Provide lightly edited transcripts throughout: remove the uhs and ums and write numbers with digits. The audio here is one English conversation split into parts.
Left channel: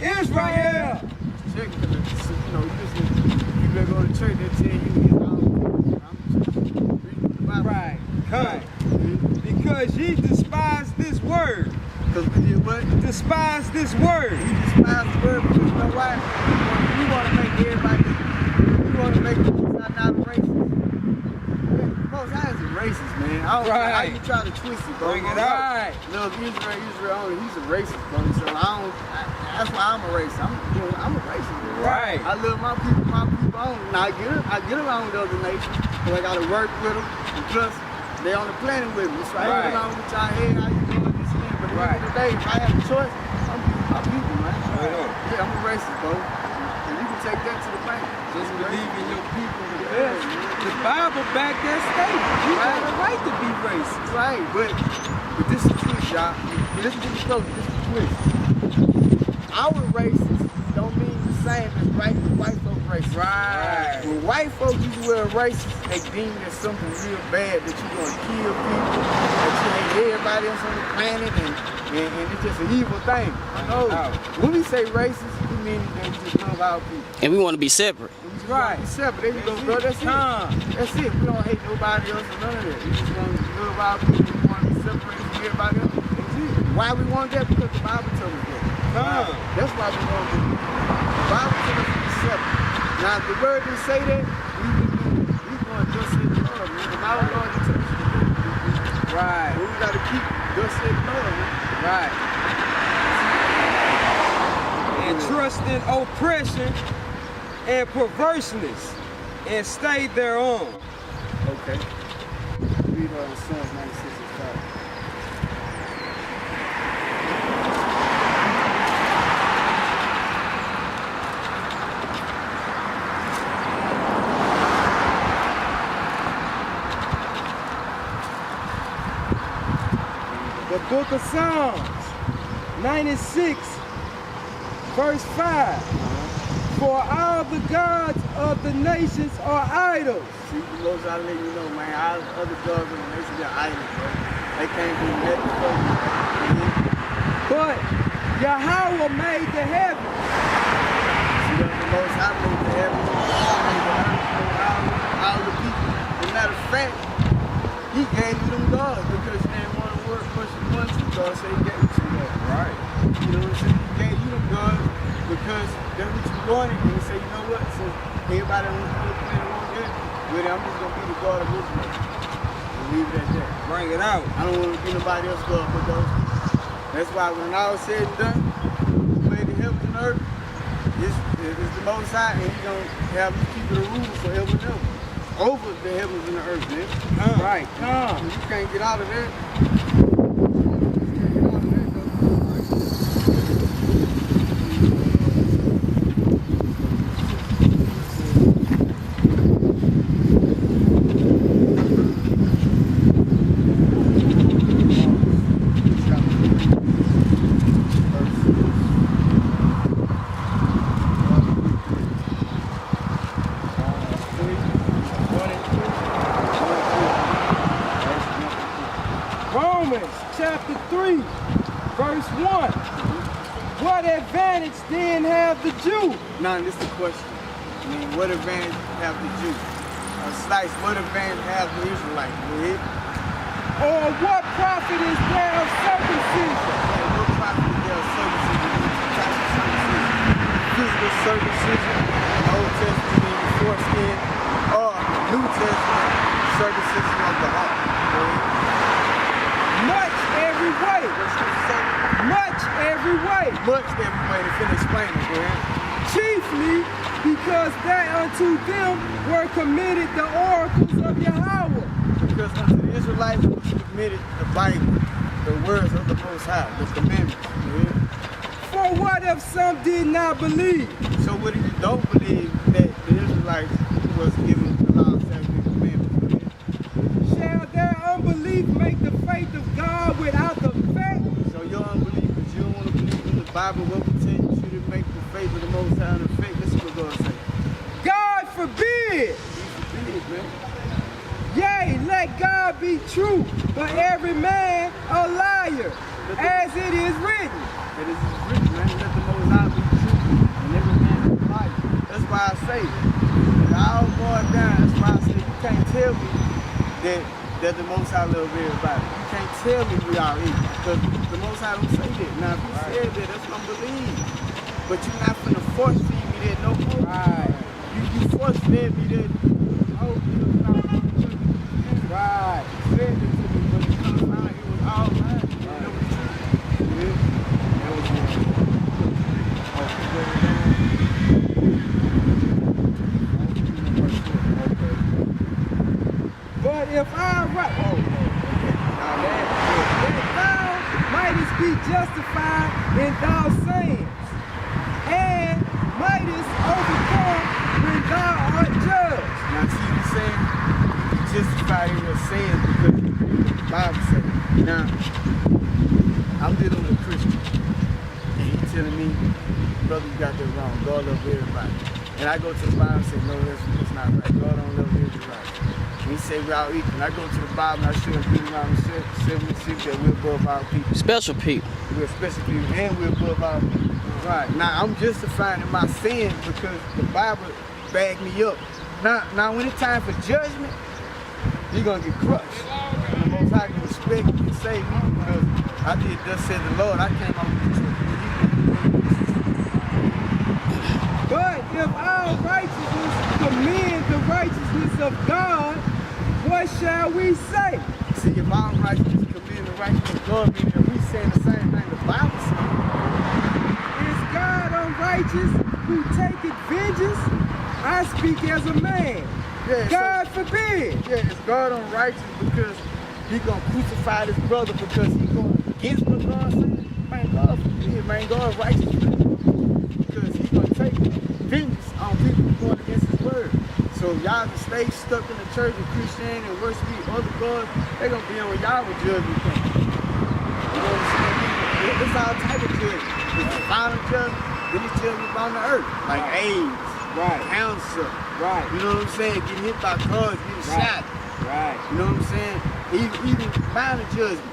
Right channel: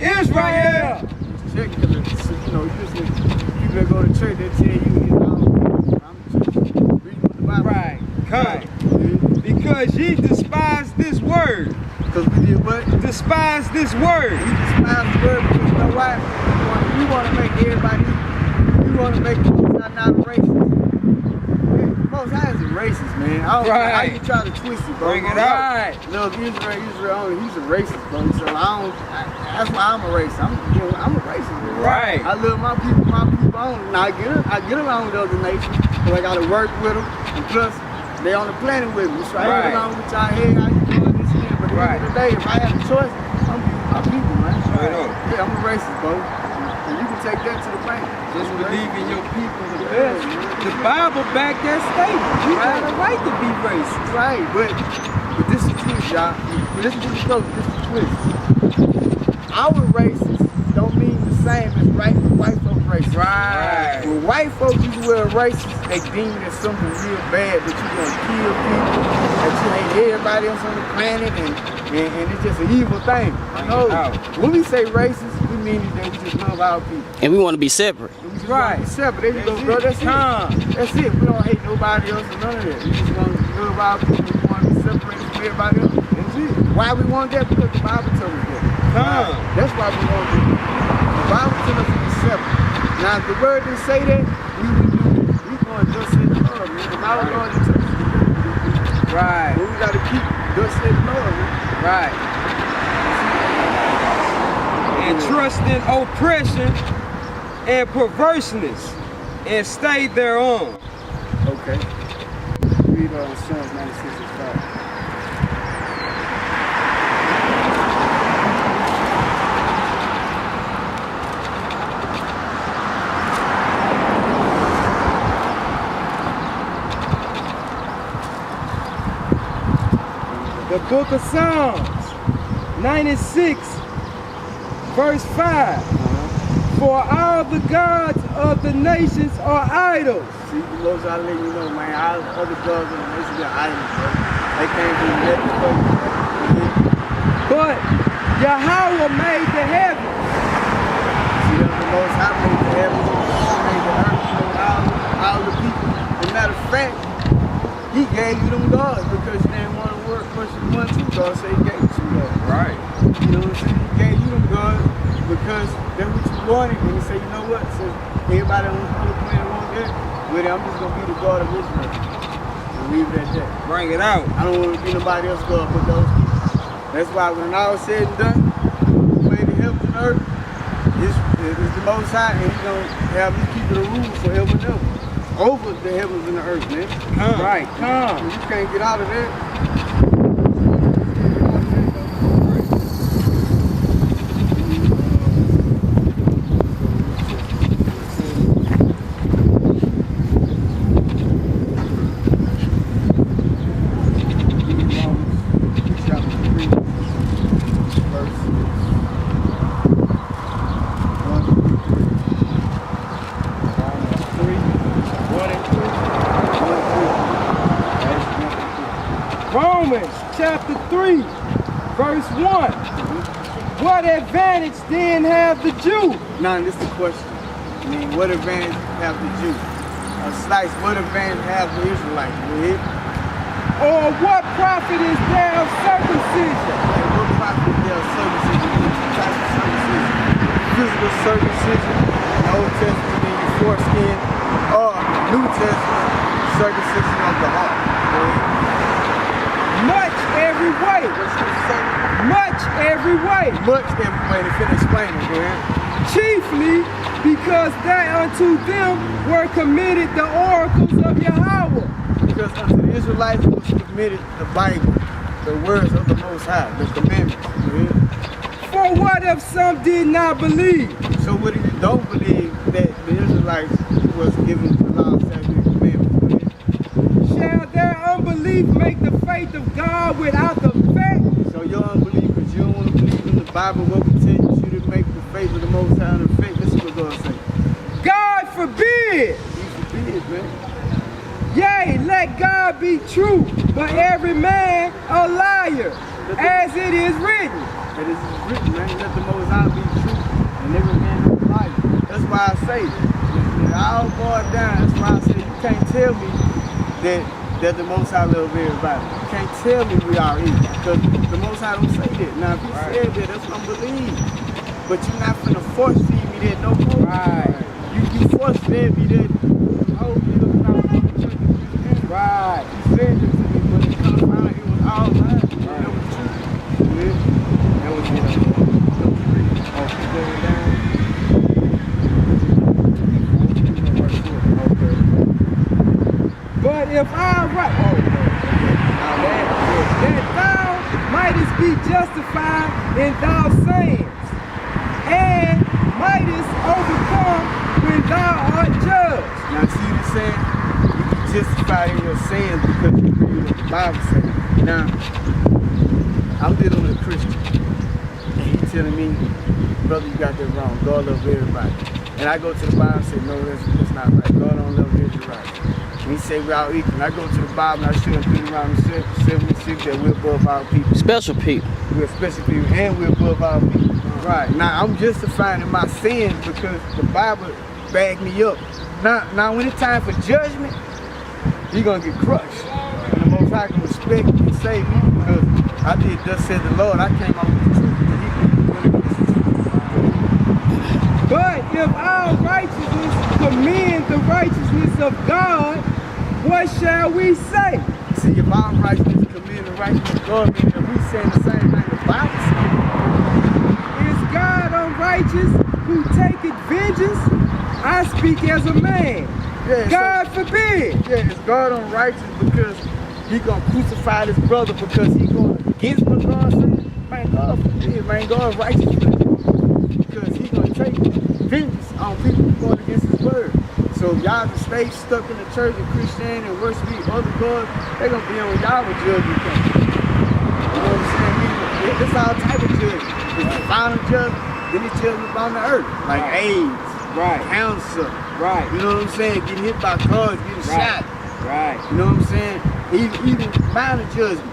Israel. Check because you know, you listen to people that go to church, they tell you it's all. I'm just reading what the Bible. Right. Come. Because ye despise this word. Because we did what? Despise this word. We despise the word because you know why? We want to make everybody equal. We want to make the Most High not racist. Most High is a racist, man. I don't know how you try to twist it, bro. Bring it out. Look, Israel only, he's a racist, bro. So that's why I'm a racist. I'm a racist, bro. Right. I love my people only. Now I get along with other nations, but I gotta work with them. And plus, they on the planet with me. So I get along with y'all. Hey, how you doing? This and that. But at the end of the day, if I have a choice, I'm gonna be with my people, man. Yeah, I'm a racist, bro. And you can take that to the bank. Just believe in your people. The Bible back that statement. You got a right to be racist. Right, but this is the twist, y'all. Listen to the close. This is the twist. Our racist don't mean the same as white folk racist. Right. When white folks use the word racist, they deem it as something real bad, that you're gonna kill people, that you hate everybody else on the planet, and it's just an evil thing. No. When we say racist, we mean that we just love our people. And we want to be separate. We just want to be separate. There you go, bro. That's it. That's it. We don't hate nobody else or none of that. We just want to love our people. We want to be separated from everybody else. That's it. Why we want that? Because the Bible tells us that. That's why we want that. The Bible tells us to be separate. Now, if the word didn't say that, we wouldn't do that. We going to just say love, man. The Bible Lord tells us to do that. Right. But we got to keep just say love, man. Right. And trust in oppression and perverseness and stay thereon. Okay. Read Psalms 96:5. The book of Psalms 96, verse 5. For all the gods of the nations are idols. See, the Most High letting you know, man, all the other gods of the nations are idols, bro. They can't do nothing for you. But Yahweh made the heavens. See, the Most High made the heavens, made the earth, made all the people. As a matter of fact, he gave you them gods because you didn't want to work for one, two gods, so he gave you some gods. Right. You know what I'm saying? He gave you them gods because that's what you wanted. And he said, you know what? Since everybody on this other planet wants that, well, I'm just going to be the God of Israel. And leave it at that. Bring it out. I don't want to be nobody else God but those people. That's why when all is said and done, who made the heavens and earth is the Most High, and he's going to have you keep the rules forever and ever. Over the heavens and the earth, man. Right, come. You can't get out of that. Romans chapter 3, verse 1. What advantage then have the Jew? Now, this is the question. I mean, what advantage have the Jew? Slice, what advantage have the Israelites? Or what profit is there of circumcision? And what profit is there of circumcision? Two types of circumcision. Physical circumcision, in the Old Testament, in your foreskin, or New Testament, circumcision of the heart. Much every way. Much every way. Much every way. To finish explaining, go ahead. Chiefly because that unto them were committed the oracles of Yahweh. Because unto the Israelites was committed the Bible, the words of the Most High, the commandments. For what if some did not believe? So what if you don't believe that the Israelites was given the law, statutes, and commandments? Shall their unbelief make the faith of God without the fact? So your unbelief, because you don't want to believe in the Bible, what we tell you should make the faith of the Most High an effect. Listen what God say. God forbid. He forbid, man. Yea, let God be true, but every man a liar, as it is written. It is written, man. Let the Most High be true and every man is a liar. That's why I say, when it all boils down, that's why I say you can't tell me that the Most High love everybody. You can't tell me we are equal, because the Most High don't say that. Now, if he said that, that's what I'm believing. But you're not finna force feed me that no more. Right. You force fed me that whole year when I was in the church of Christianity. Right. You said it to me, but it come out, it was all lies. Right. That was true. Yeah. That was it. Oh, keep going down. Okay. But if I right, that thou mightest be justified in thy sayings, and mightest overcome when thou art judged. Now see what he's saying? You be justified in your sins because you read what the Bible says. Now, I'm dealing with a Christian, and he telling me, brother, you got that wrong. God loves everybody. And I go to the Bible and say, no, that's not right. God don't love Israelites. And he say we're all equal. And I go to the Bible and I show him Deuteronomy 76 that we're above our people. Special people. We're special people and we're above our people. Right. Now I'm justifying in my sins because the Bible backed me up. Now when it's time for judgment, you're gonna get crushed. And the Most High can respect and save me because I did thus said the Lord. I came out with the truth. But if our righteousness commend the righteousness of God, what shall we say? See, if our righteousness commend the righteousness of God, meaning if we saying the same thing the Bible says. Is God unrighteous who taketh vengeance? I speak as a man. Yeah, God forbid. Yeah, is God unrighteous because he gonna crucify his brother because he going against what God said? Man, God forbid, man, God righteous for that. Because he gonna take vengeance on people going against his word. So if y'all can stay stuck in the church of Christianity and worship other gods, they gonna be on y'all with judgment coming. You know what I'm saying? It's all type of judgment. It's the final judgment, then it's judgment on the earth. Like AIDS, Right. cancer. Right. You know what I'm saying? Getting hit by cars, getting shot. Right. You know what I'm saying? Even minor judgment.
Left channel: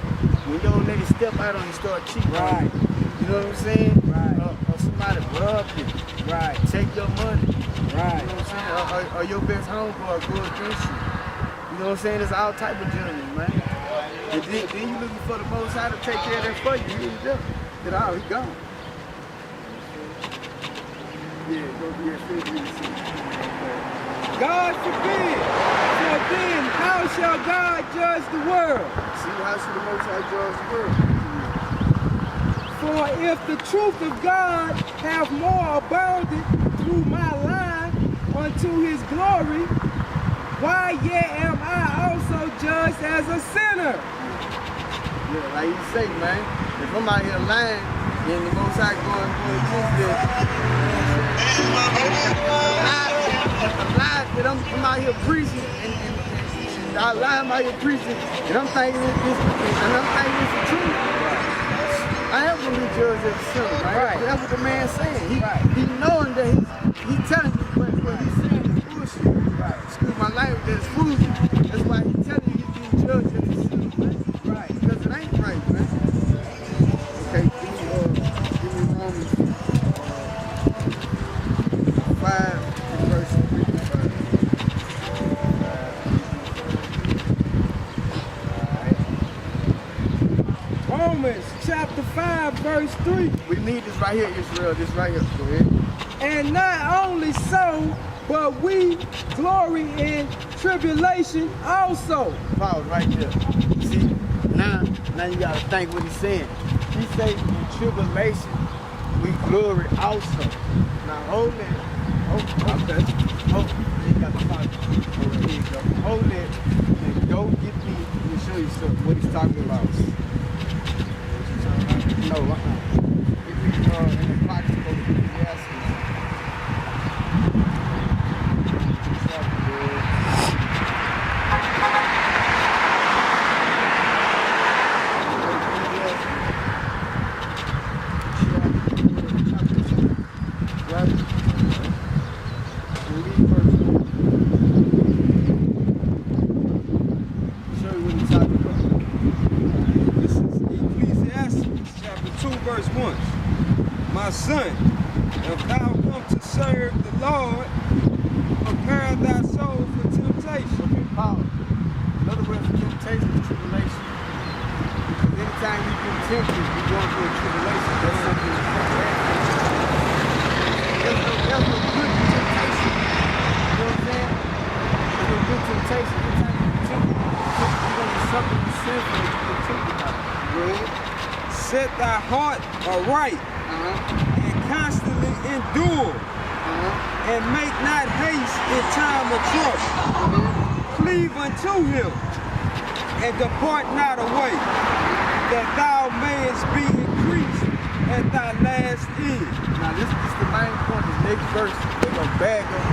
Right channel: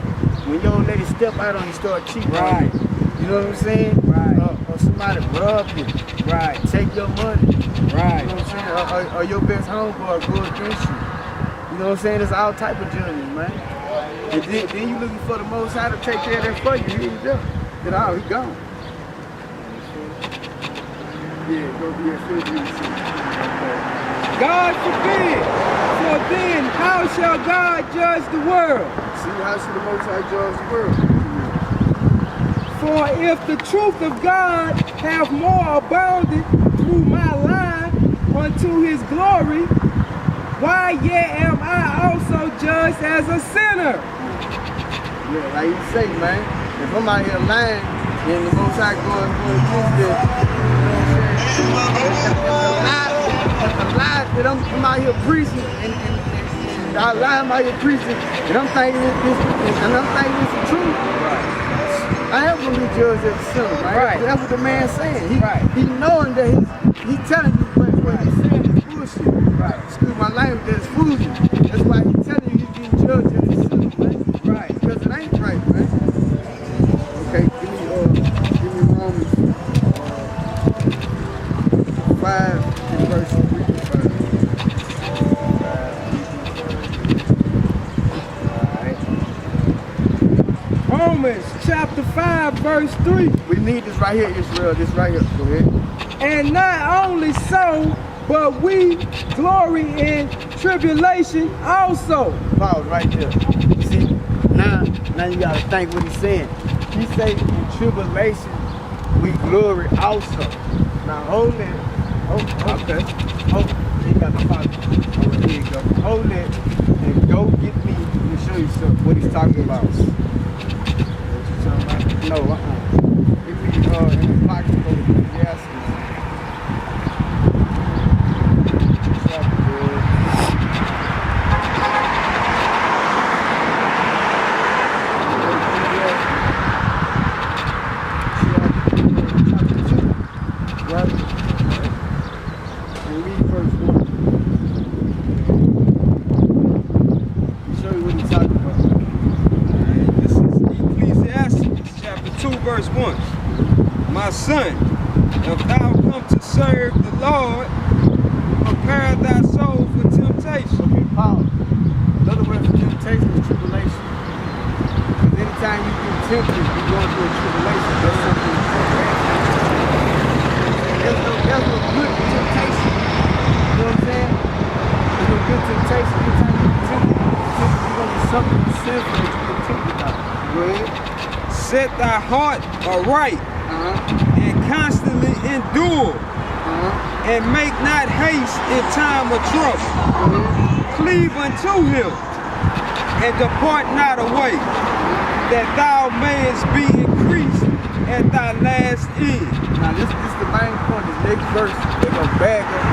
When your lady step out on you, start cheating on you. You know what I'm saying? Right. Or somebody rob you. Right. Take your money. Right. You know what I'm saying? Or your best homeboy go against you. You know what I'm saying? It's all type of judgment, man. And then you looking for the Most High to take care of that for you. He ain't there. Get out, he gone. Yeah, go be a fit. God forbid. For then how shall God judge the world? See, how should the Most High judge the world? For if the truth of God have more abounded through my lie unto his glory, why yet am I also judged as a sinner? Yeah, like you say, man, if I'm out here lying and the Most High going against that, you know what I'm saying? If the lie that I'm out here preaching and I lie, I'm out here preaching and I'm thinking it's the truth. I am going to be judged as a sinner, right? Right. That's what the man's saying. He knowing that he's telling you what he's saying is bullshit. Right. Excuse my language, that is foolisy. That's why he's telling you he's getting judged as a sinner, man. Right. Because it ain't right, man. Okay, give me Romans 5 and verse 3 to 5. Romans chapter 5 verse 3. We need this right here, Israel. This right here. Go ahead. And not only so, but we glory in tribulation also. Pause right there. See, now you gotta think what he's saying. He say in tribulation we glory also. Now hold it. Okay. Hold. He got the pocket. All right, here you go. Hold it and go get me. Let me show you something. What he's talking about. What you talking about? No. Give me in the pocket. Go to Ecclesiastes. Chapter 2, right? And read verse 1. Show you what he's talking about. This is Ecclesiastes chapter 2 verse 1. My son, if thou come to serve the Lord, prepare thy soul for temptation. Okay, pause. Another word for temptation is tribulation. Because anytime you get tempted, you're going through a tribulation. That's something there's no good temptation. You know what I'm saying? There's no good temptation. Anytime you get tempted, you're going to be something sinful that you get tempted by. Go ahead. Set thy heart aright and constantly endure, and make not haste in time of trouble. Cleave unto him and depart not away, that thou mayest be increased at thy last end. Now this is the main point. This next verse, they're going to bag up.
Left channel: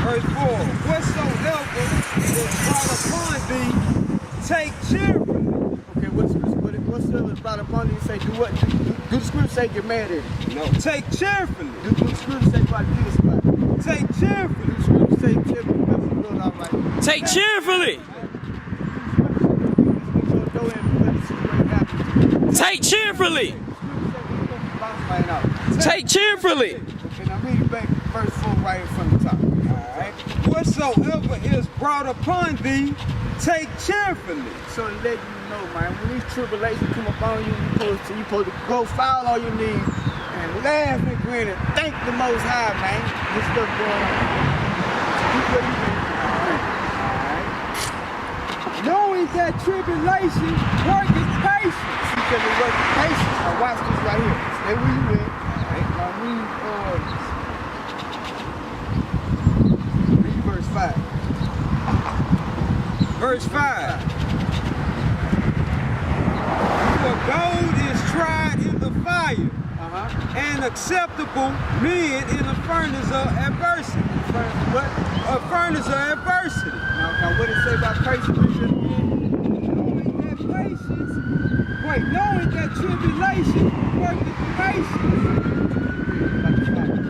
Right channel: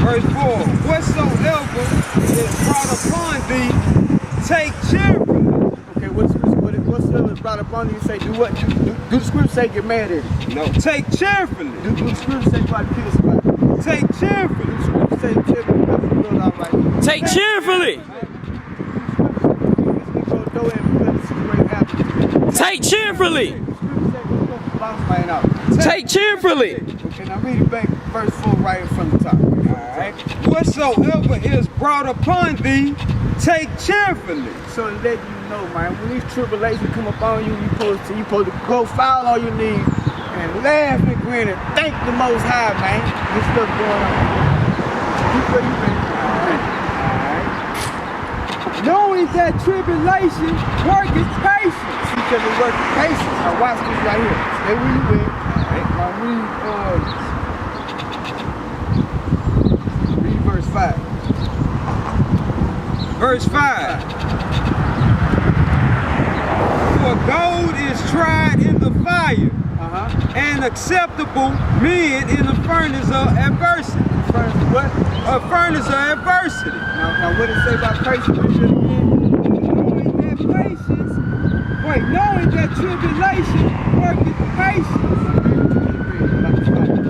Verse 4, whatsoever is brought upon thee, take cheerfully. Okay, whatsoever is brought upon you, say do what? Do the scripture say get mad at it? No, take cheerfully. Do the scripture say try to kill somebody? Take cheerfully. Do the scripture say cheerfully because the blood all right? Take cheerfully. Take cheerfully. Take cheerfully. Okay, now read it back, verse 4 right from the top. Alright. Whatsoever is brought upon thee, take cheerfully. So to let you know, man, when these tribulations come upon you, you're supposed to go fall on your knees and laugh and grin and thank the Most High, man. This stuff going on. Keep where you at. Knowing that tribulation worketh patience. See, because it works patience. Now watch this right here. Stay where you at. Now read verse 5. Verse 5. For gold is tried in the fire, and acceptable men in the furnace of adversity. Furnace of what? A furnace of adversity. Now what did it say about patience? Read it again. Knowing that tribulation worketh patience.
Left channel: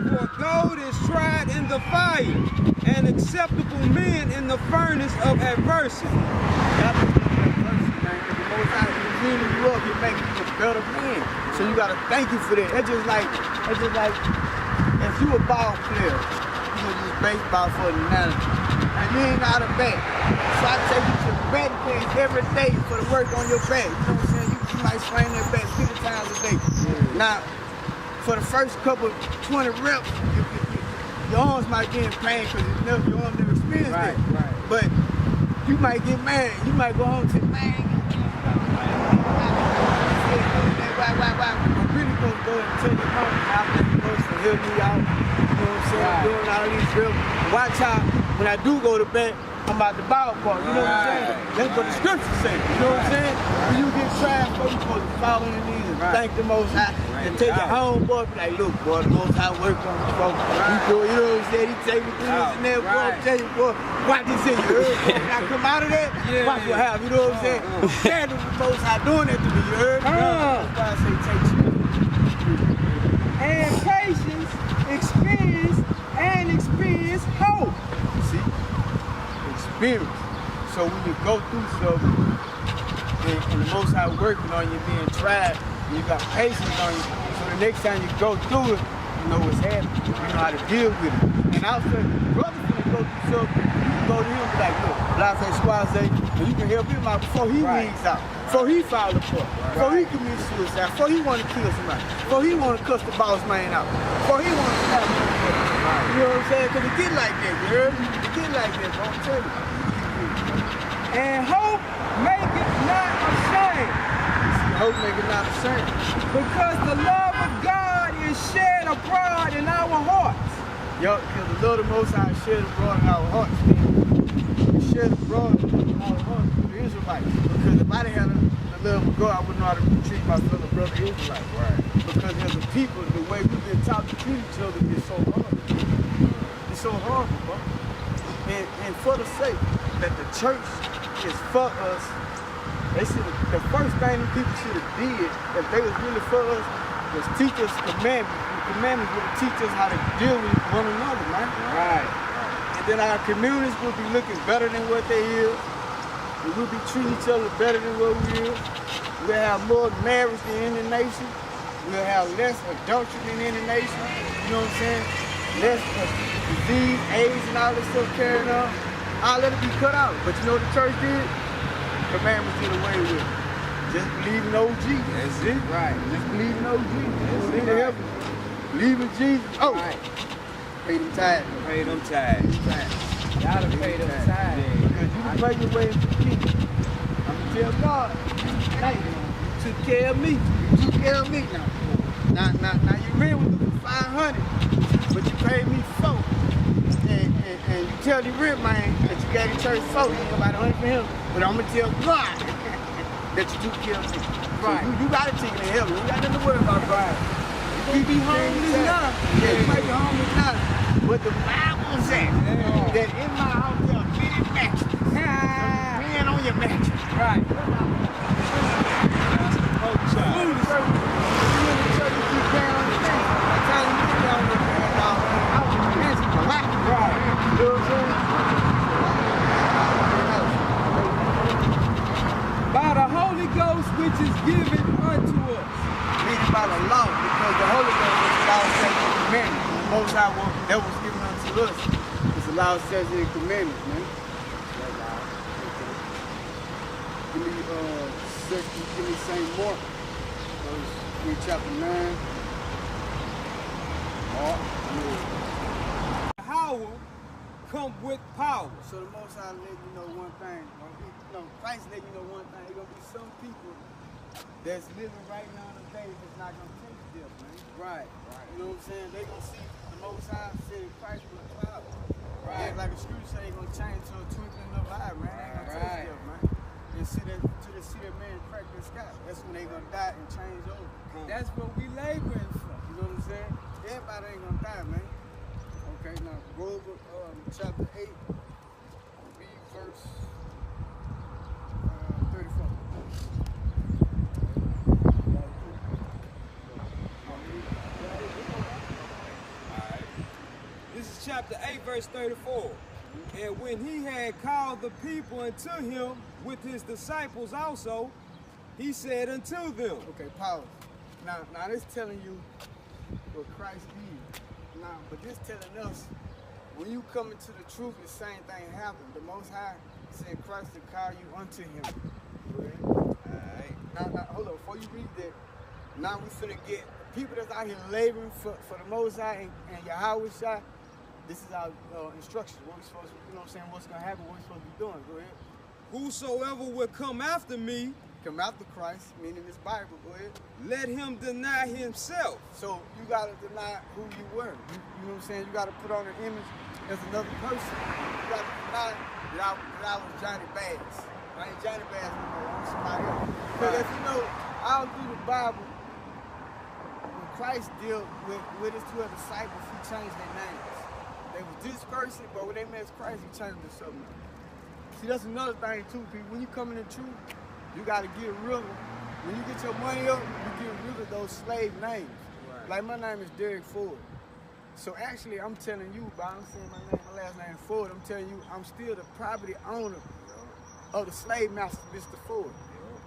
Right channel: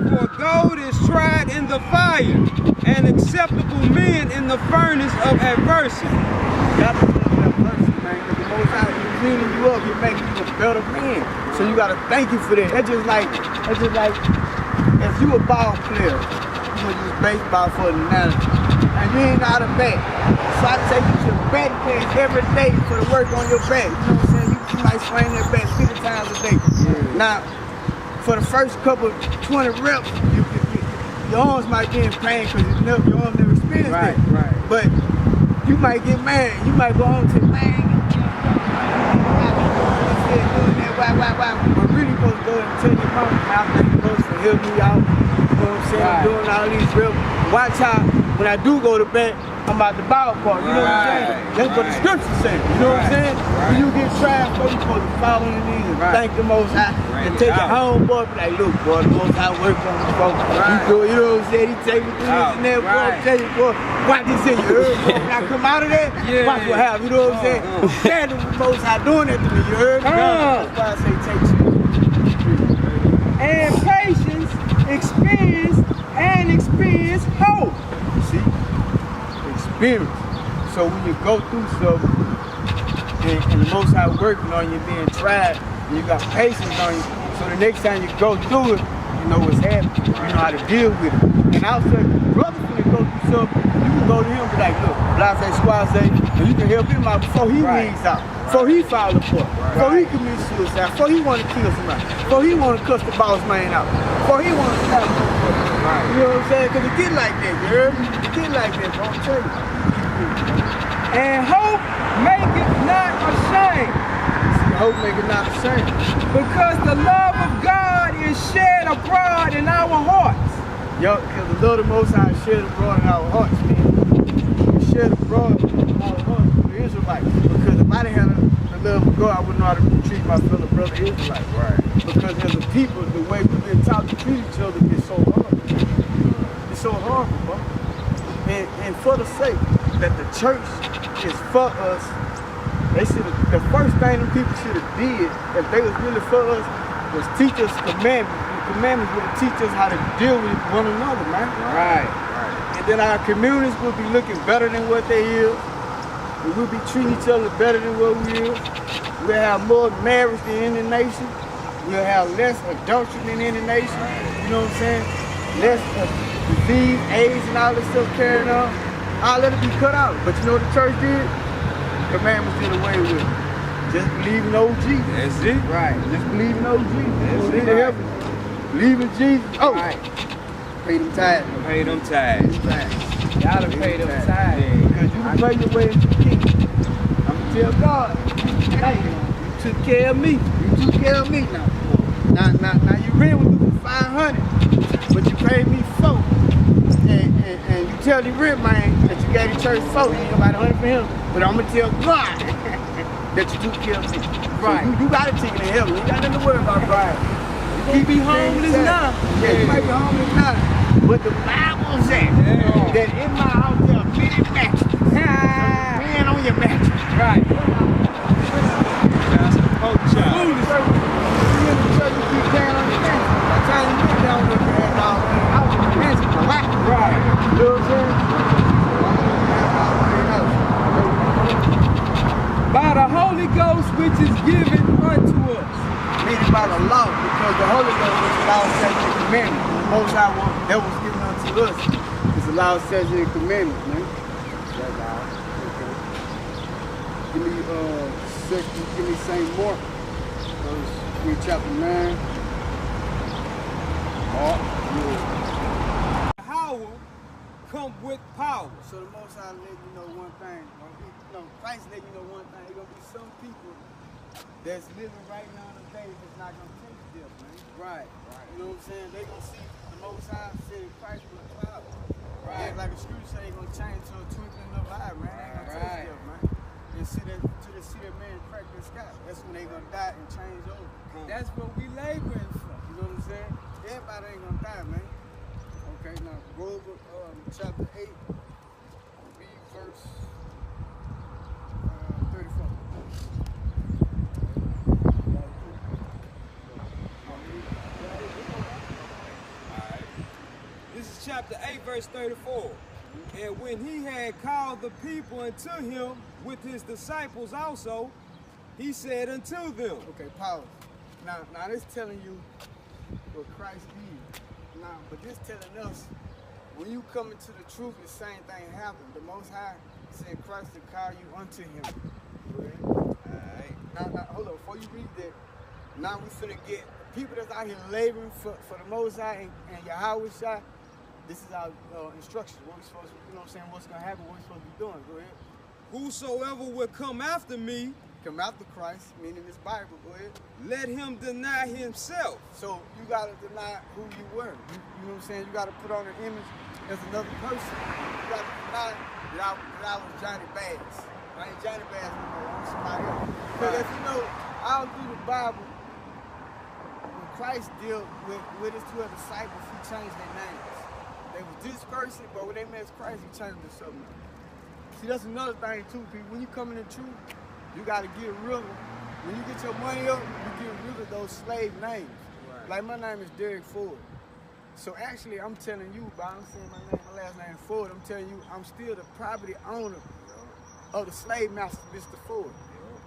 For gold is tried in the fire, and acceptable men in the furnace of adversity. Got to be adversity, man. Because the Most High is cleaning you up, He's making you a better man. So you gotta thank Him for that. That's just like if you a ball player, you gonna use baseball for an analogy, and you ain't out of bat. So I take you to the batting cage every day for the work on your bat. You know what I'm saying? You might swing that bat 50 times a day. Yeah. Now, for the first couple 20 reps, your arms might be in pain because your arm never experienced that. Right. But you might get mad. You might go home and say, man, but really supposed to go and tell your mom, I think you're supposed to help me out. You know what I'm saying? I'm doing all these reps. Watch how, when I do go to bed, I'm out the ballpark, you know what I'm saying? That's what the scripture says, you know what I'm saying? When you get tried, you're supposed to fall on your knees and thank the Most High and take your homeboy, be like, look, boy, the Most High worked on me, bro. You do it, you know what I'm saying? He take me through this and that, boy, I tell you, boy, watch this in you heard, boy. When I come out of there, watch what happens, you know what I'm saying? Stand with the Most High doing that to me, you heard? That's why I say take shit. And patience, experience hope. See? Experience. So when you go through something and the Most High working on you, being tried, and you got patience on you, so the next time you go through it, you know what's happening. You know how to deal with it. And also, if the brother finna go through something, you can go to him and be like, look, blase squaze, and you can help him out before he weeds out, before he falls apart, before he commits suicide, before he want to kill somebody, before he want to cuss the boss man out, before he want to stab him. You know what I'm saying? Because it get like that, you heard me? It get like that, bro. I'm telling you. And hope maketh not ashamed. See, hope maketh not ashamed. Because the love of God is shed abroad in our hearts. Yo, because the love of the Most High is shed abroad in our hearts, man. It's shed abroad in our hearts through the Israelites. Because if I didn't have the love of God, I wouldn't know how to treat my fellow brother Israelites. Right. Because as a people, the way we've been taught to treat each other is so hard. It's so horrible, bro. And for the sake that the church is for us, they should have, the first thing them people should have did, if they was really for us, was teach us commandments. The commandments would teach us how to deal with one another, man. Right. And then our communities will be looking better than what they is. And we'll be treating each other better than what we is. We'll have more marriage than any nation. We'll have less adultery in any nation. You know what I'm saying? Less disease, AIDS, and all this stuff carrying on. I'll let it be cut out. But you know what the church did? Commandments did away with it. Just believe in OG. That's it. Right. Just believe in OG. That's Believe it. in heaven. Believe in Jesus. Oh. Right. Pay them tithes. Pay them Pay tithes. them tithes. Y'all done paid them Yeah. tithes. Because you can pay your way into the kingdom. I'm going to tell God, hey, you took care of me. You took care of me now. Now you rent with me for 500, but you paid me 4. And you tell the rent man that you gave the church 4. You ain't about 100 for him. But I'm going to tell God that you took care of me. Right. So you got a ticket to heaven. You ain't got nothing to worry about, right? You be homeless now. Yeah, you might be homeless now. But the Bible says that in my house there are many mattresses. Man on your mattress. Right. Pastor Poacher. Foolish. You in the church, you keep paying on your mattress. By the time you get down there, man, dog, I was in the mattress for life. Right. You know what I'm saying? By the Holy Ghost which is given unto us. Meaning by the law, because the Holy Ghost is the law, statutes, and commandments. The Most High one that was given unto us is the law, statutes, and commandments, man. That's all. Okay. Give me St. Mark, read chapter 9. Mark. Power come with power. So the Most High let you know one thing. Christ let you know one thing. There's gonna be some people that's living right now today that's not gonna take death, man. Right. You know what I'm saying? They gonna see the Most High sitting Christ with a cloud. Right. And like the scripture say, they gonna change to a twinkling of an eye, man. They ain't gonna Right. take death, man. And see that man crack the sky. That's when they gonna die and change over. That's what we laboring for. You know what I'm saying? Everybody ain't gonna die, man. Okay, now go over chapter 8, read verse 34. This is chapter 8, verse 34. And when he had called the people unto him with his disciples also, he said unto them. Okay, pause. Now this telling you what Christ did. Now, but this telling us when you come into the truth, the same thing happened. The Most High said Christ to call you unto him. Alright. Now, hold on. Before you read that, now we finna get people that's out here laboring for the Most High and Yahweh Shai. This is our instructions. What we supposed to, you know what I'm saying? What's gonna happen? What we supposed to be doing? Go ahead. Whosoever will come after me, Come after Christ, meaning this Bible. Go ahead. let him deny himself. So you gotta deny who you were. You know what I'm saying? You gotta put on an image as another person. You gotta deny that I was Johnny Bass. I ain't Johnny Bass no more. I'm somebody else. Because if you know, all through the Bible, when Christ dealt with his 12 disciples, he changed their names. They was this person, but when they met Christ, he changed them to something. See, that's another thing too, people. When you come in the truth, you gotta get rid of, when you get your money up, you get rid of those slave names. Right. Like my name is Derek Ford. So actually I'm telling you, but I'm saying my last name Ford, I'm telling you I'm still the property owner of the slave master, Mr. Ford.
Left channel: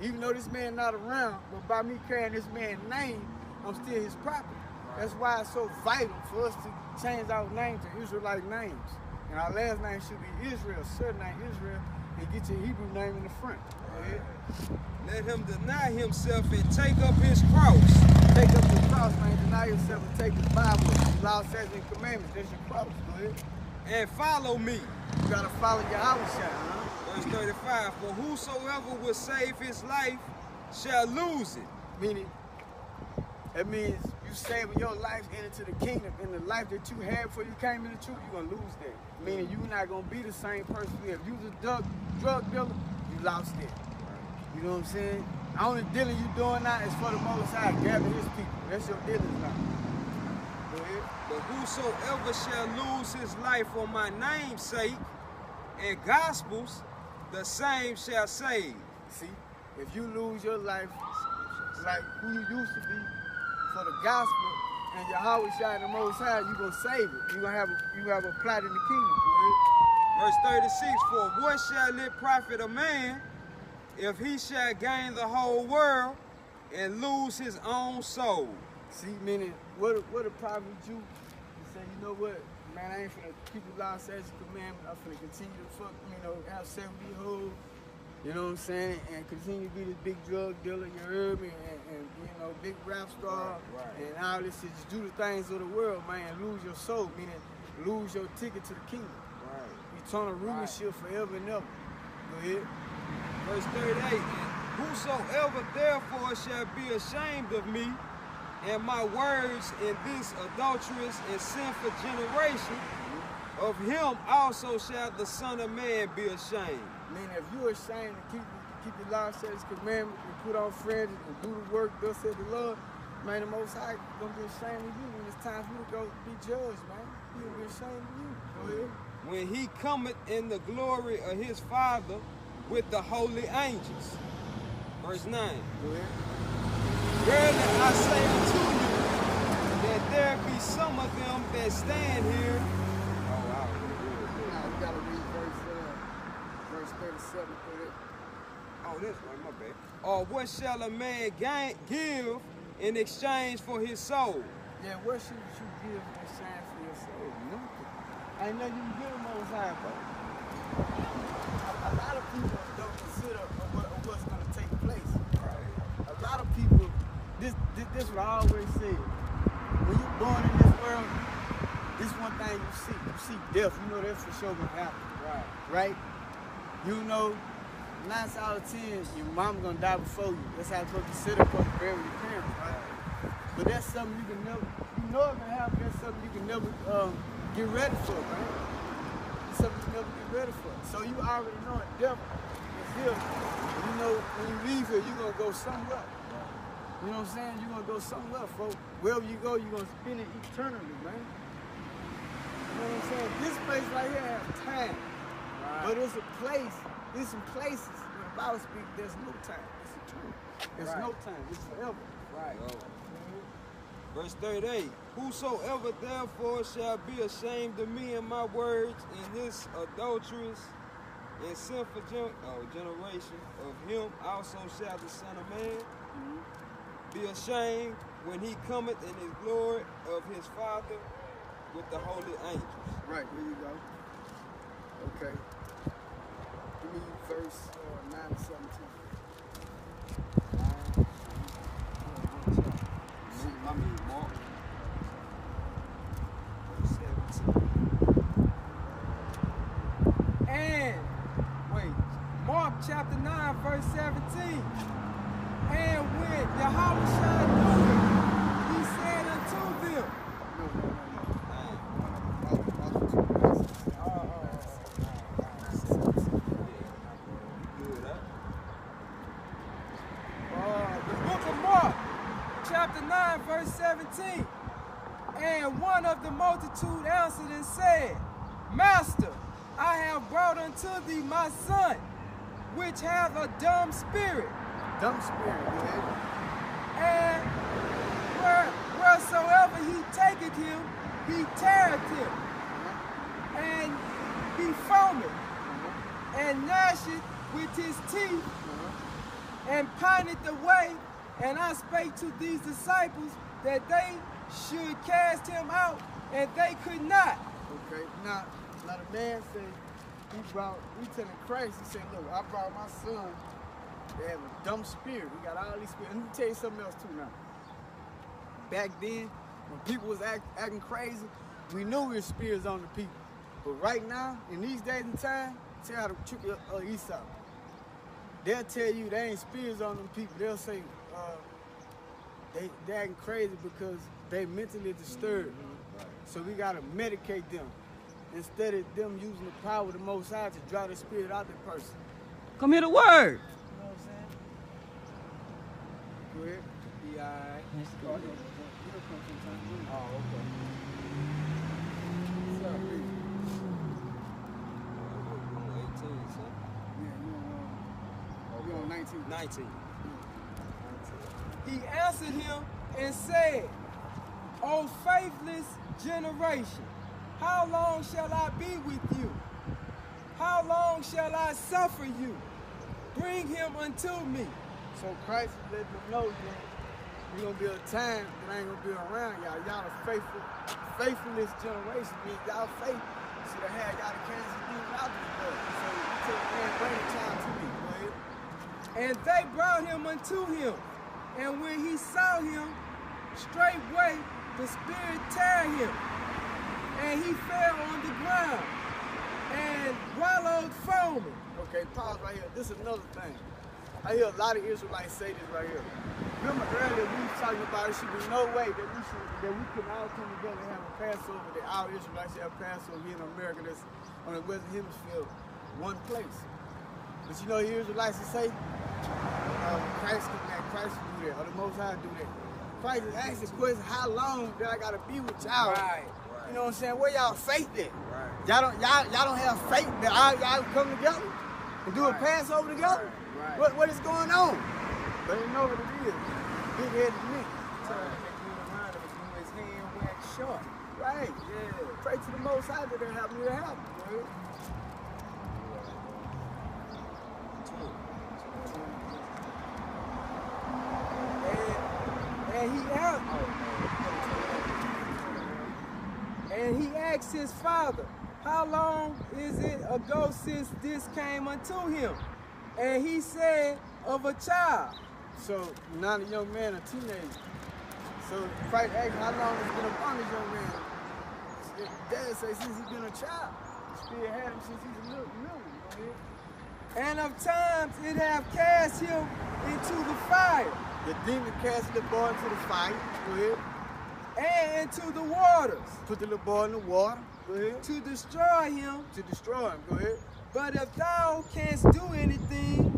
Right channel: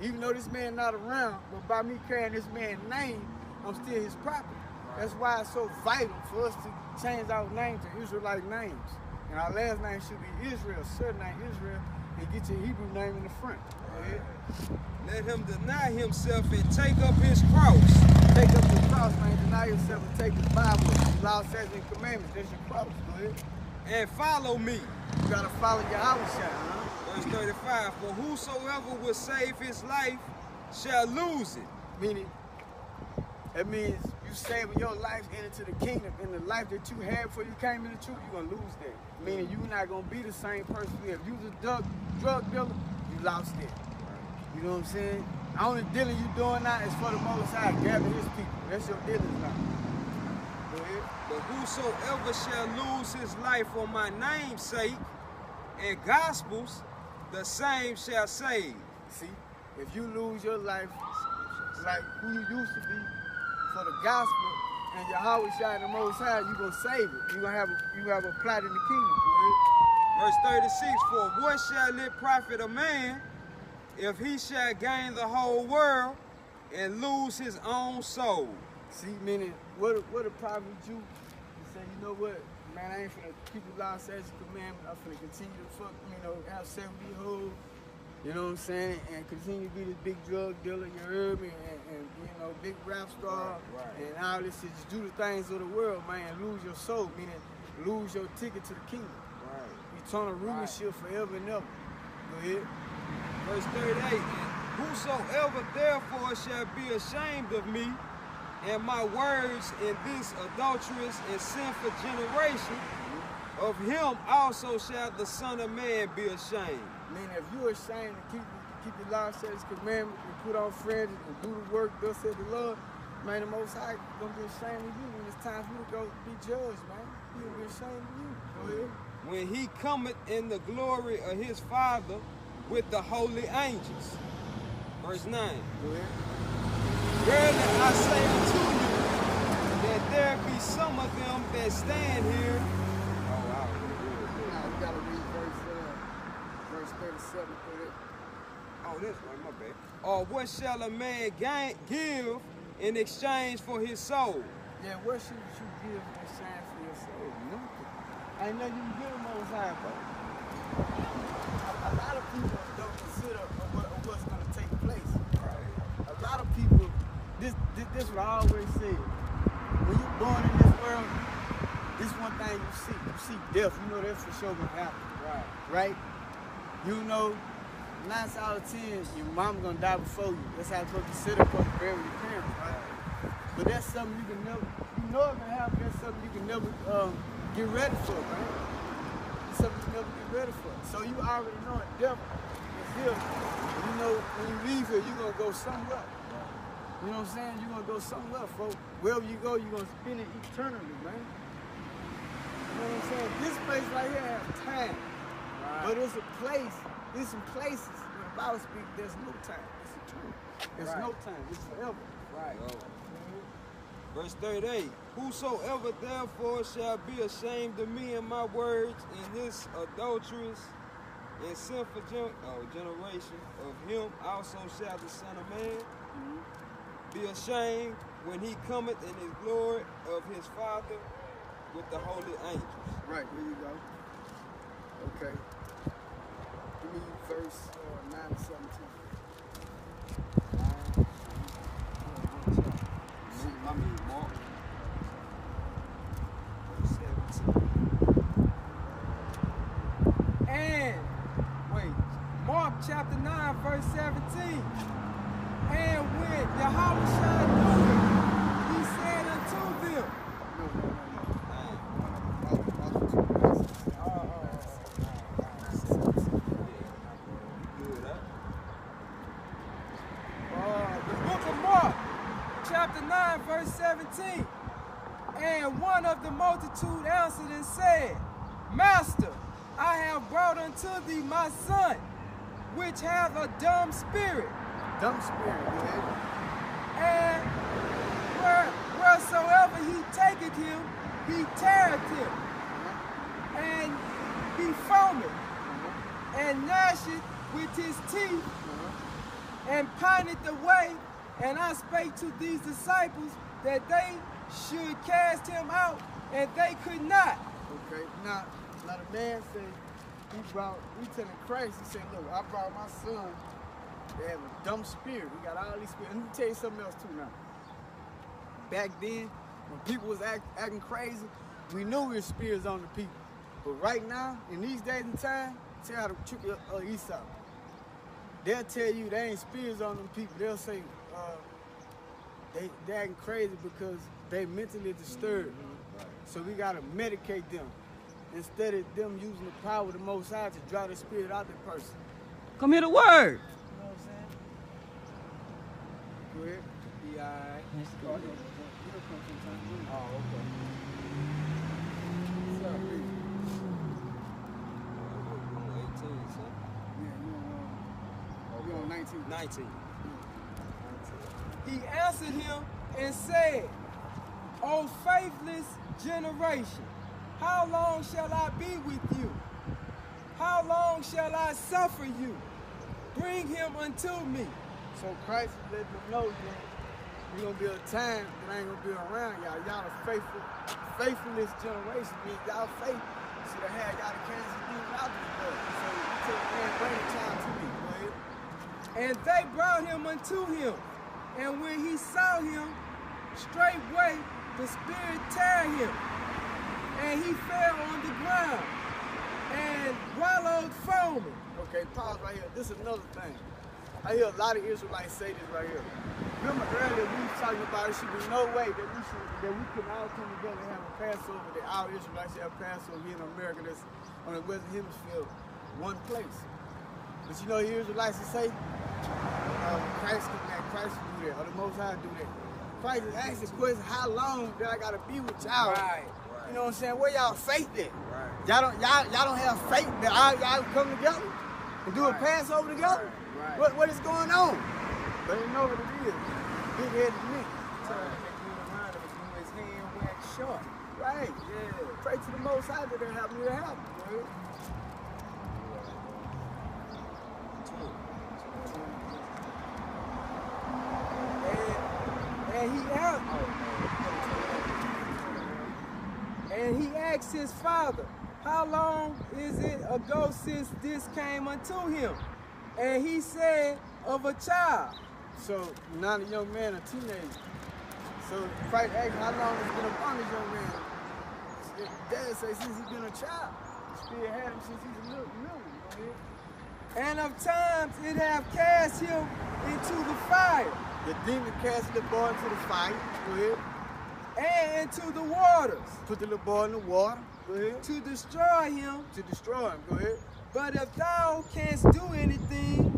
Even though this man not around, but by me carrying this man's name, I'm still his property. That's why it's so vital for us to change our name to Israelite names. And our last name should be Israel, surname Israel, and get your Hebrew name in the front. Right. Let him deny himself and take up his cross. Take up your cross, man. Deny yourself and take the Bible. The law, statutes, and commandments. That's your cross. Go ahead. And follow me. You gotta follow your Yahweh Shai, huh? Verse 35. For whosoever will save his life shall lose it. Meaning, that means you saving your life into the kingdom, and the life that you had before you came into truth, you're gonna lose that. Meaning you're not gonna be the same person you have. If you was a drug dealer, you lost it. You know what I'm saying? The only dealing you doing now is for the Most High, gather his people. That's your dealing now. Go ahead. But whosoever shall lose his life for my name's sake and gospels, the same shall save. See, if you lose your life like who you used to be for the gospel and Yahweh Shai and the Most High, you gonna save it. You have a plot in the kingdom. Go ahead. Verse 36. For what shall it profit a man if he shall gain the whole world and lose his own soul. See, meaning, what a prophet Jew, he said, you know what, man, I ain't finna keep the law, statutes, commandments. I'm finna continue to have 70 hoes, you know what I'm saying, and continue to be this big drug dealer, you heard me, and big rap star, and all this shit. Just do the things of the world, man, and lose your soul, meaning lose your ticket to the kingdom. Eternal rulership forever and ever. Go ahead. Verse 38, whosoever therefore shall be ashamed of me and my words in this adulterous and sinful generation, of him also shall the Son of Man be ashamed. Meaning, if you're ashamed to keep the law, statutes, commandments, and put on fringes and do the work, thus said the Lord, man, the Most High gonna be ashamed of you when it's time for you to go be judged, man. He gonna be ashamed of you. Go ahead. When he cometh in the glory of his Father with the holy angels. Verse 9. Go ahead. Verily I say unto you, that there be some of them that stand here. Oh, wow. Now we gotta read verse 37 through it. Oh, this right, my bad. Or what shall a man give in exchange for his soul? Yeah, what should you give in exchange for your soul? Nothing. Ain't nothing you can give them Most High, bro. A lot of people don't consider what's gonna take place. Right. A lot of people, this what I always say. When you're born in this world, this one thing you see. You see death. You know that's for sure gonna happen. Right? You know, 9 out of 10, your mom gonna die before you. That's how it's supposed to sit up for the bury your parents, right? But that's something you can never, you know it's gonna happen, that's something you can never get ready for, right? It's something you never get ready for. So you already know the devil is here. You know when you leave here, you're gonna go somewhere. You know what I'm saying? You're gonna go somewhere, folks. Wherever you go, you're gonna spend it eternally, man. You know what I'm saying? This place right here has time. But it's a place, there's some places where the Bible speaks, there's no time. It's eternal. There's no time. It's forever. Right. Verse 38, whosoever therefore shall be ashamed of me and my words in this adulterous and sinful generation, of him also shall the Son of Man be ashamed when he cometh in his glory of his Father with the holy angels. Right, there you go. Okay. Give me verse 9 and 17. I mean, Mark. Verse 17. And, wait, Mark chapter 9, verse 17. And when Yahushua knew it, he said unto them, verse 17, and one of the multitude answered and said, Master, I have brought unto thee my son, which hath a dumb spirit. Dumb spirit, and wheresoever he taketh him, he teareth him, and he foameth, and gnasheth with his teeth, and pineth away. And I spake to these disciples that they should cast him out, and they could not. Okay, now the man said, he telling Christ, he said, look, I brought my son, they have a dumb spirit. We got all these spirits. And let me tell you something else too now. Back then, when people was acting crazy, we knew we were spirits on the people. But right now, in these days and time, tell how to trick Esau. They'll tell you they ain't spirits on them people. They'll say, they acting crazy because they mentally disturbed. So we gotta medicate them instead of them using the power of the Most High to draw the spirit out of the person. Come hear the word. You know what I'm saying? Go ahead. Be all right. Oh, okay. What's up, B? 18, son. Yeah, you on 19. 19. He answered him and said, O faithless generation, how long shall I be with you? How long shall I suffer you? Bring him unto me. So Christ is letting them know that there's gonna be a time that I ain't gonna be around y'all. Y'all are faithfulness generation. Means y'all faith should have had y'all to cast the demon out this world. So you tell the man, bring the child to me. Go ahead. And they brought him unto him. And when he saw him, straightway the spirit tear him. And he fell on the ground and wallowed foaming. Okay, pause right here. This is another thing. I hear a lot of Israelites say this right here. Remember earlier we was talking about it should be no way that we can all come together and have a Passover, that our Israelites should have Passover here in America that's on the Western Hemisphere, one place. But you know, the Israelites will say, Christ can do that, or the Most High do that. Christ is asking the question, how long did I gotta be with y'all? Right. You know what I'm saying? Where y'all faith at? Right. Y'all don't have faith that y'all come together and do a Passover together? Right. What is going on? But you know what it is. Big headed men. His hand waxed short. Right. Yeah. Pray to the Most High that they'll help me to help. And he asked his father, how long is it ago since this came unto him? And he said, of a child. So now the young man a teenager. So Christ asked how long it's been upon this young man. His dad says since he's been a child. The Spirit had him since he's a little. And of times it have cast him into the fire. The demon cast the boy into the fire. Go ahead. And into the waters. Put the little boy in the water. Go ahead. To destroy him. To destroy him. Go ahead. But if thou canst do anything,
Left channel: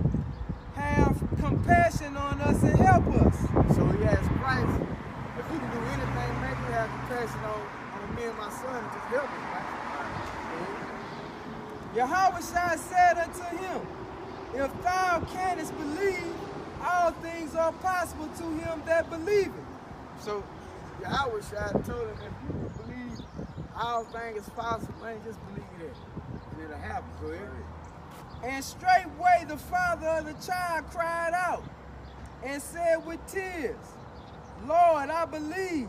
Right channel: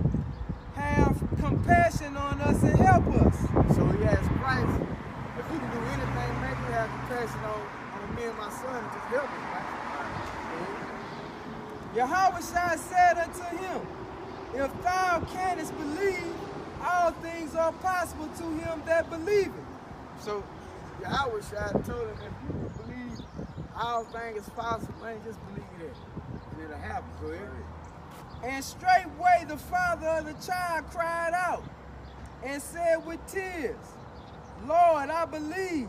have compassion on us and help us. So he asked Christ, if you can do anything, make me have compassion on me and my son and just help us, right? Yahushua said unto him, if thou canst believe, all things are possible to him that believeth. So Yahushua told him, if you believe all things is possible, man, just believe that. And it'll happen. Go ahead. And straightway the father of the child cried out and said with tears, Lord, I believe,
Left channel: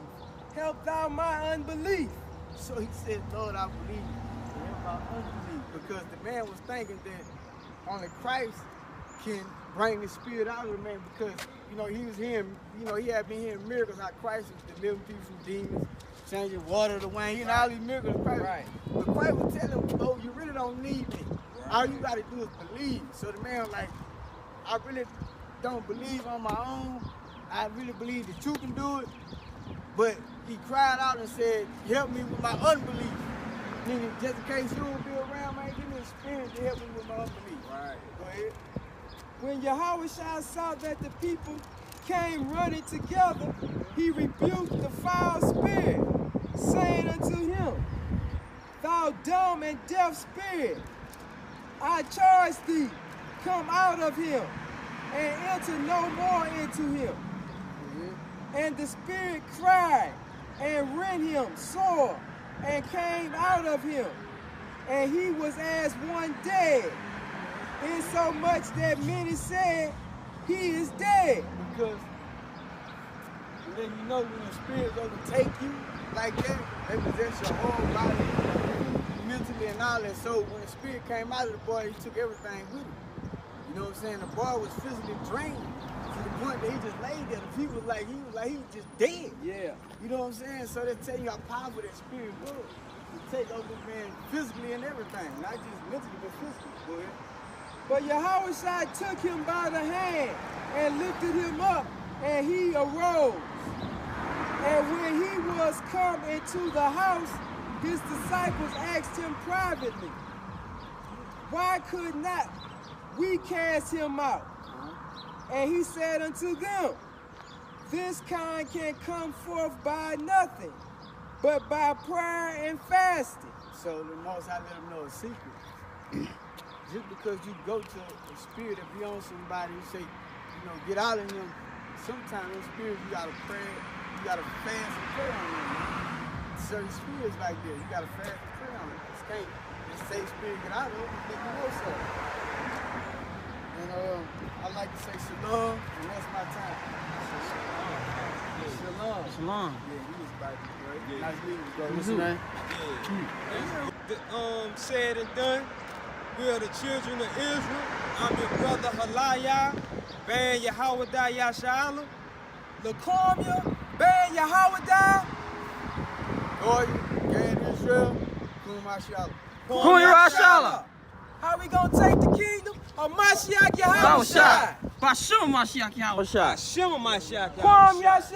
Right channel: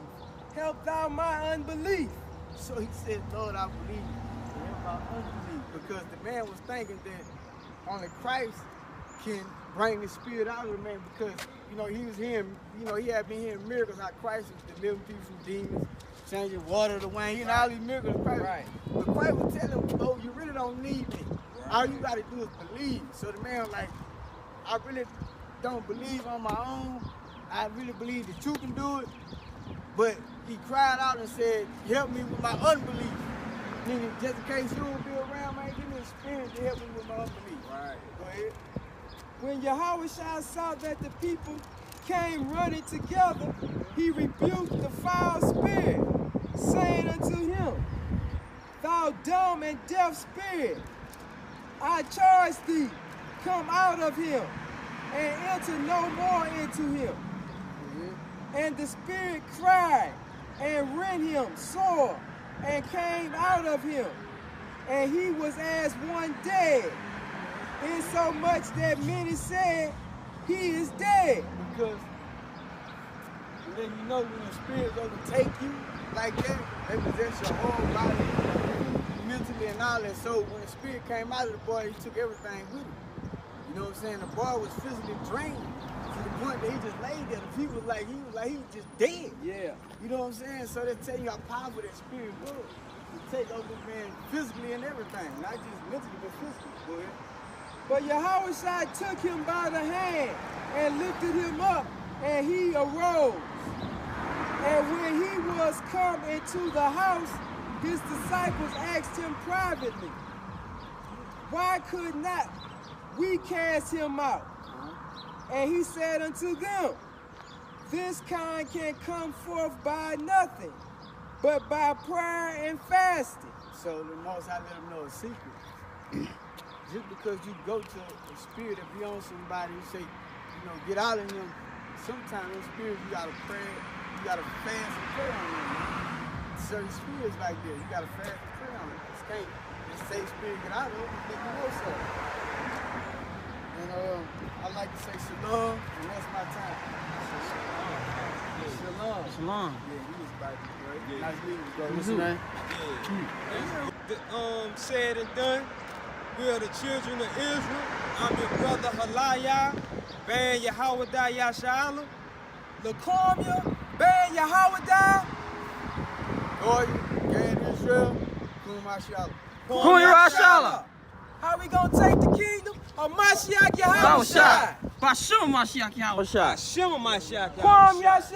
help thou my unbelief. So he said, Lord, I believe, help my unbelief. Because the man was thinking that only Christ can bring the spirit out of the man, because, you know, he was hearing, you know, he had been hearing miracles, how Christ was delivering people from demons, changing water to wine, you know, all these miracles. Christ, right. But Christ was telling him, oh, you really don't need me. All you got to do is believe. So the man was like, I really don't believe on my own. I really believe that you can do it. But he cried out and said, help me with my unbelief. Meaning, just in case you don't be around, man, give me a spirit to help me with my unbelief. Right. Go ahead. When Yahushua saw that the people came running together, he rebuked the foul spirit, saying unto him, thou dumb and deaf spirit, I charge thee, come out of him, and enter no more into him. And the spirit cried, and rent him sore, and came out of him. And he was as one dead, insomuch that many said, he is dead. Because then you know when the spirits overtake you like that, they possess your whole body, mentally and all that. So when the spirit came out of the boy, he took everything with him. You know what I'm saying? The boy was physically drained to the point that he just laid there. He was like he was just dead. Yeah. You know what I'm saying? So they tell you how powerful that spirit was to take over the man physically and everything, not just mentally but physically. Go ahead. But Yahushua took him by the hand and lifted him up, and he arose. And when he was come into the house, his disciples asked him privately, why could not we cast him out? And he said unto them, this kind can come forth by nothing, but by prayer and fasting. So the Most High let them know a secret. Just because you go to a spirit and be on somebody, you say, you know, get out of him. Sometimes those spirits you gotta pray, you gotta fast and pray on them. Certain spirits like that, you gotta fast and pray on them. You can't just say spirit get out of them, you think you know something. And I like to say shalom, and that's my time. Shalom. Shalom. Yeah, he was about to be great. Nice meeting you, bro. What's your name? Said and done. We are the children of Israel. I'm your brother Halaya, Ben Yahawada Yashala, Lakomia, Ben Yahawada, Goya, Gad Israel, Kum Mashallah. Kum Yashala. How we gonna take the kingdom? Of Mashiach Yahawashai. Bashum Mashiach Yahweh. Shema Mashiach Yahawashai.